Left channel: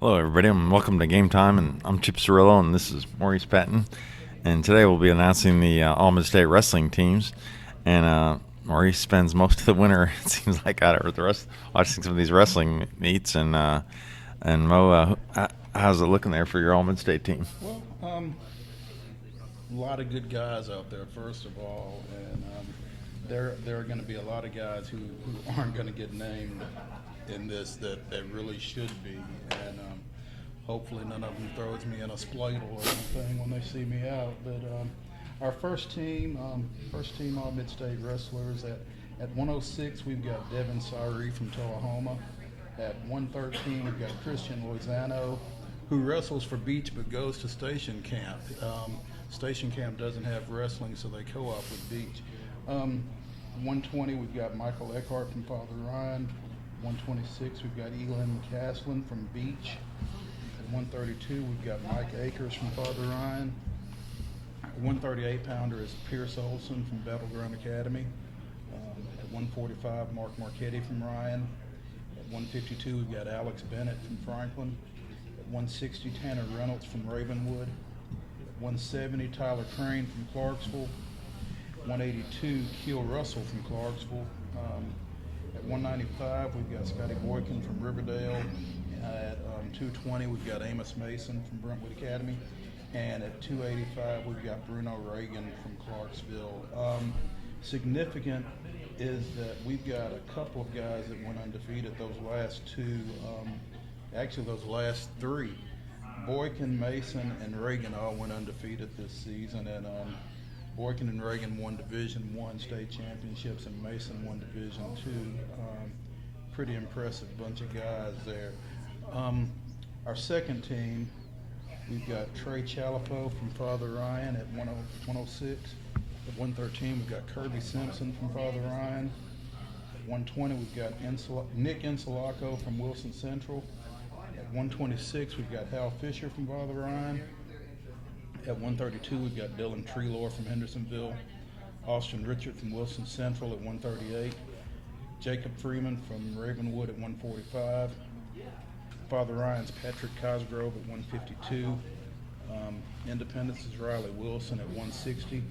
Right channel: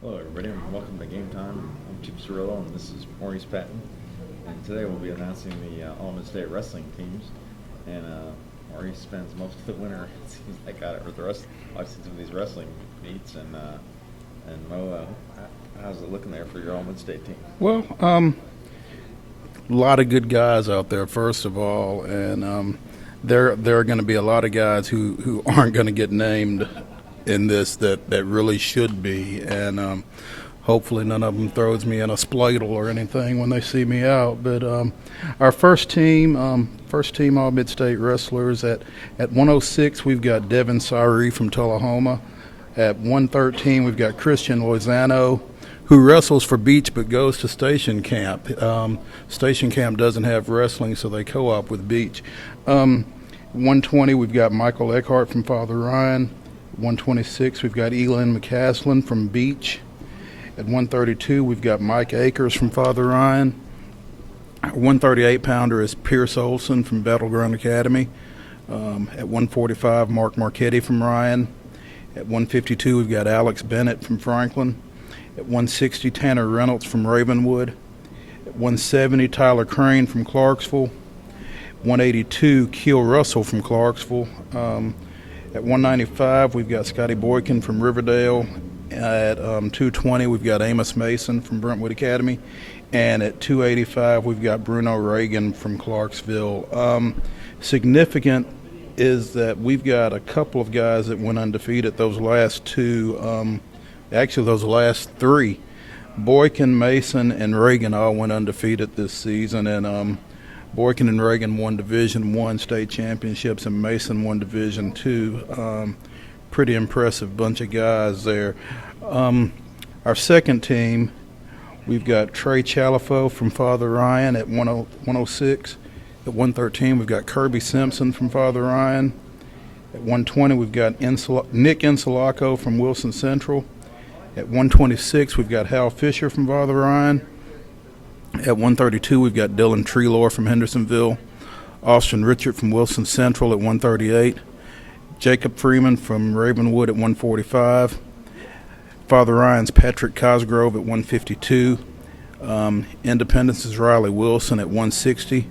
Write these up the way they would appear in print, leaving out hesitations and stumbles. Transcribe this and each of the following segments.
Hello, everybody, and welcome to Game Time. And I'm Chip Cirillo, and this is Maurice Patton. And today we'll be announcing the All-Mistate wrestling teams. And Maurice spends most of the winter, it seems like, out of the rest watching some of these wrestling meets. And Mo, how's it looking there for your All-Midstate team? Well, a lot of good guys out there, first of all, and there are going to be a lot of guys who aren't going to get named in this that really should be, and hopefully none of them throws me in a spladle or anything when they see me out. But our first team All-Midstate wrestlers at 106, we've got Devin Sari from Tullahoma. At 113, we've got Christian Lozano, who wrestles for Beach but goes to Station Camp. Station Camp doesn't have wrestling, so they co-op with Beach. 120, we've got Michael Eckhart from Father Ryan. 126, we've got Elin McCaslin from Beach. At 132, we've got Mike Akers from Father Ryan. 138-pounder is Pierce Olson from Battleground Academy. At 145, Mark Marchetti from Ryan. At 152, we've got Alex Bennett from Franklin. At 160, Tanner Reynolds from Ravenwood. At 170, Tyler Crane from Clarksville. 182, Keel Russell from Clarksville. At 195, we've got Scotty Boykin from Riverdale. At 220, we've got Amos Mason from Brentwood Academy. And at 285, we've got Bruno Reagan from Clarksville. Significant is that we've got a couple of guys that went undefeated those last two, actually those last three. Boykin, Mason, and Reagan all went undefeated this season, and Boykin and Reagan won Division I state championships, and Mason won Division II. Pretty impressive bunch of guys there. Our second team, we've got Trey Chalifo from Father Ryan at 106. At 113, we've got Kirby Simpson from Father Ryan. At 120, we've got Nick Insulaco from Wilson Central. At 126, we've got Hal Fisher from Father Ryan. At 132, we've got Dylan Treelor from Hendersonville. Austin Richard from Wilson Central at 138. Jacob Freeman from Ravenwood at 145. Father Ryan's Patrick Cosgrove at 152. Independence is Riley Wilson at 160.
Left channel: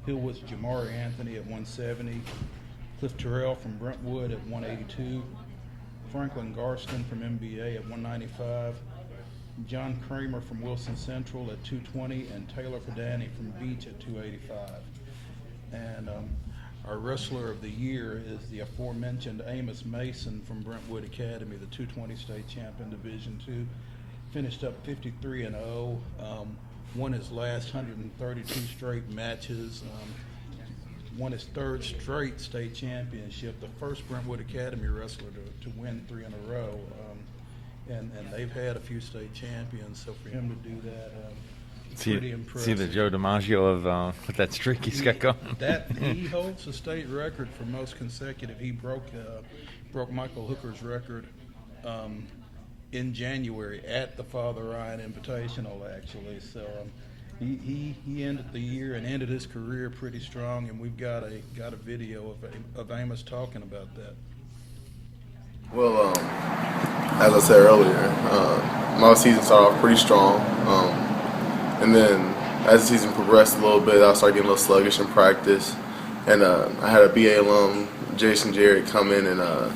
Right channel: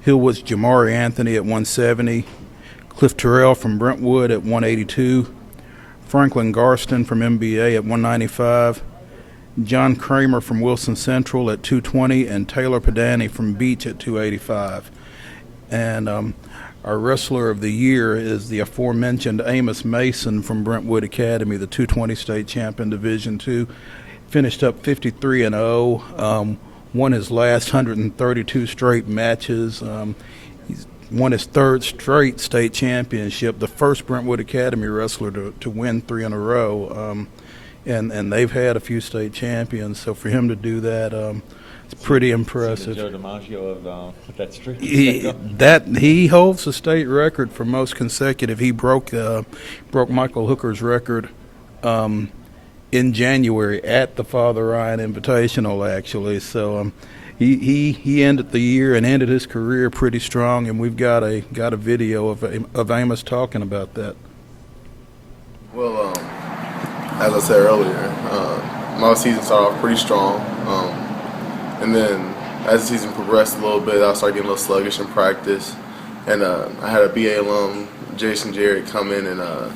Hillwood's Jamari Anthony at 170. Cliff Terrell from Brentwood at 182. Franklin Garston from MBA at 195. John Kramer from Wilson Central at 220, and Taylor Padani from Beach at 285. And our wrestler of the year is the aforementioned Amos Mason from Brentwood Academy, the 220 state champion Division II. Finished up 53-0, won his last 132 straight matches. He's won his third straight state championship, the first Brentwood Academy wrestler to win three in a row. And they've had a few state champions, so for him to do that, it's pretty impressive. See the Joe DiMaggio of that streak. He holds the state record for most consecutive. He broke Michael Hooker's record in January at the Father Ryan Invitational, actually. So he ended the year and ended his career pretty strong, and we've got a video of Amos talking about that. Well, as I said earlier, my season started off pretty strong, and then as the season progressed a little bit, I started getting a little sluggish in practice, and I had a BA alum, Jason Jarrett, come in, and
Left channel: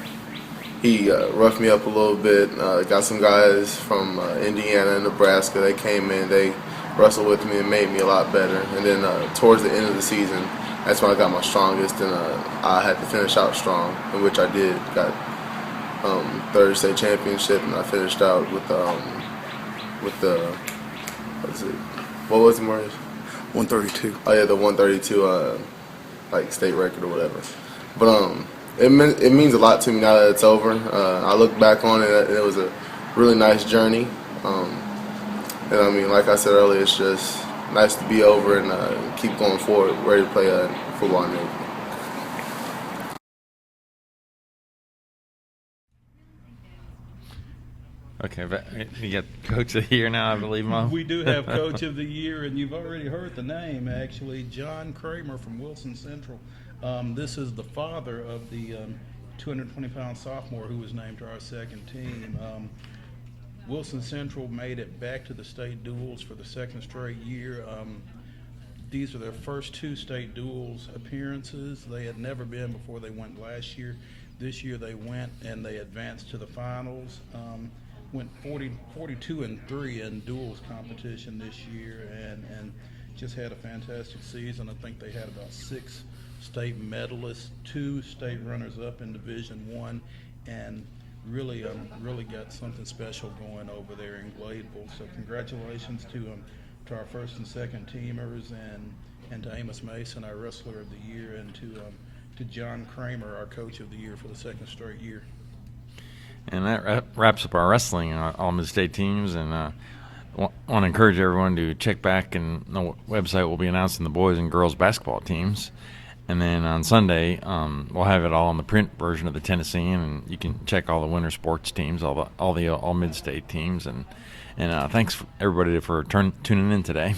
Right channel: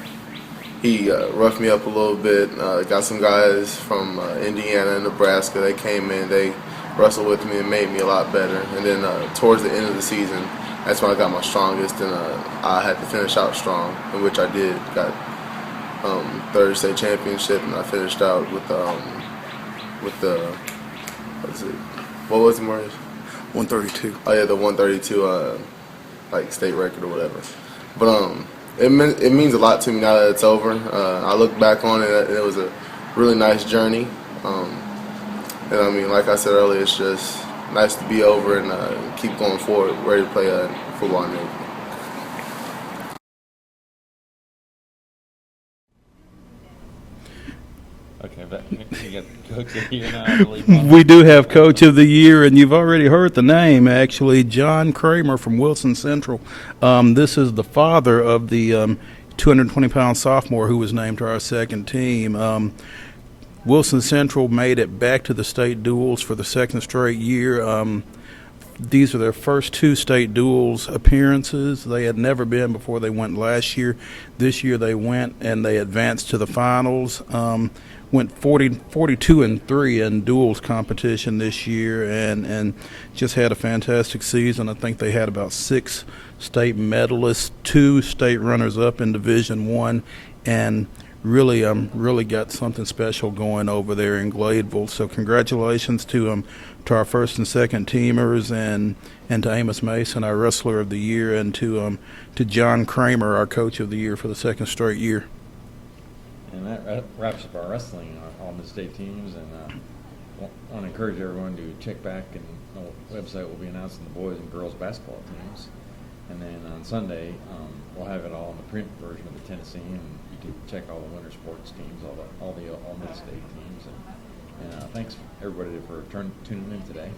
he roughed me up a little bit. Got some guys from Indiana and Nebraska. They came in, they wrestled with me and made me a lot better, and then towards the end of the season, that's when I got my strongest, and I had to finish out strong, in which I did. Got third state championship, and I finished out with the what was it, Maurice? 132. Oh yeah, the 132 like state record or whatever. But it means a lot to me now that it's over. I look back on it, and it was a really nice journey. And I mean, like I said earlier, it's just nice to be over and keep going forward, ready to play football in Navy. Okay, but you got Coach of the Year now, I believe. We do have Coach of the Year, and you've already heard the name, actually, John Kramer from Wilson Central. This is the father of the 220-pound sophomore who was named to our second team. Wilson Central made it back to the state duels for the second straight year. These are their first two state duels appearances. They had never been before they went last year. This year they went and they advanced to the finals. Went 42-3 in duels competition this year, and just had a fantastic season. I think they had about 6 state medalists, 2 state runners-up in Division I, and really got something special going over there in Gladeville. So congratulations to our first and second teamers, and to Amos Mason, our wrestler of the year, and to John Kramer, our coach of the year for the second straight year. And that wraps up our wrestling All-Mistate teams. And want to encourage everyone to check back, and the website will be announcing the boys and girls basketball teams. And then on Sunday, we'll have it all on the print version of the Tennessean, and you can check all the winter sports teams, all the All-Midstate teams. And thanks everybody for tuning in today.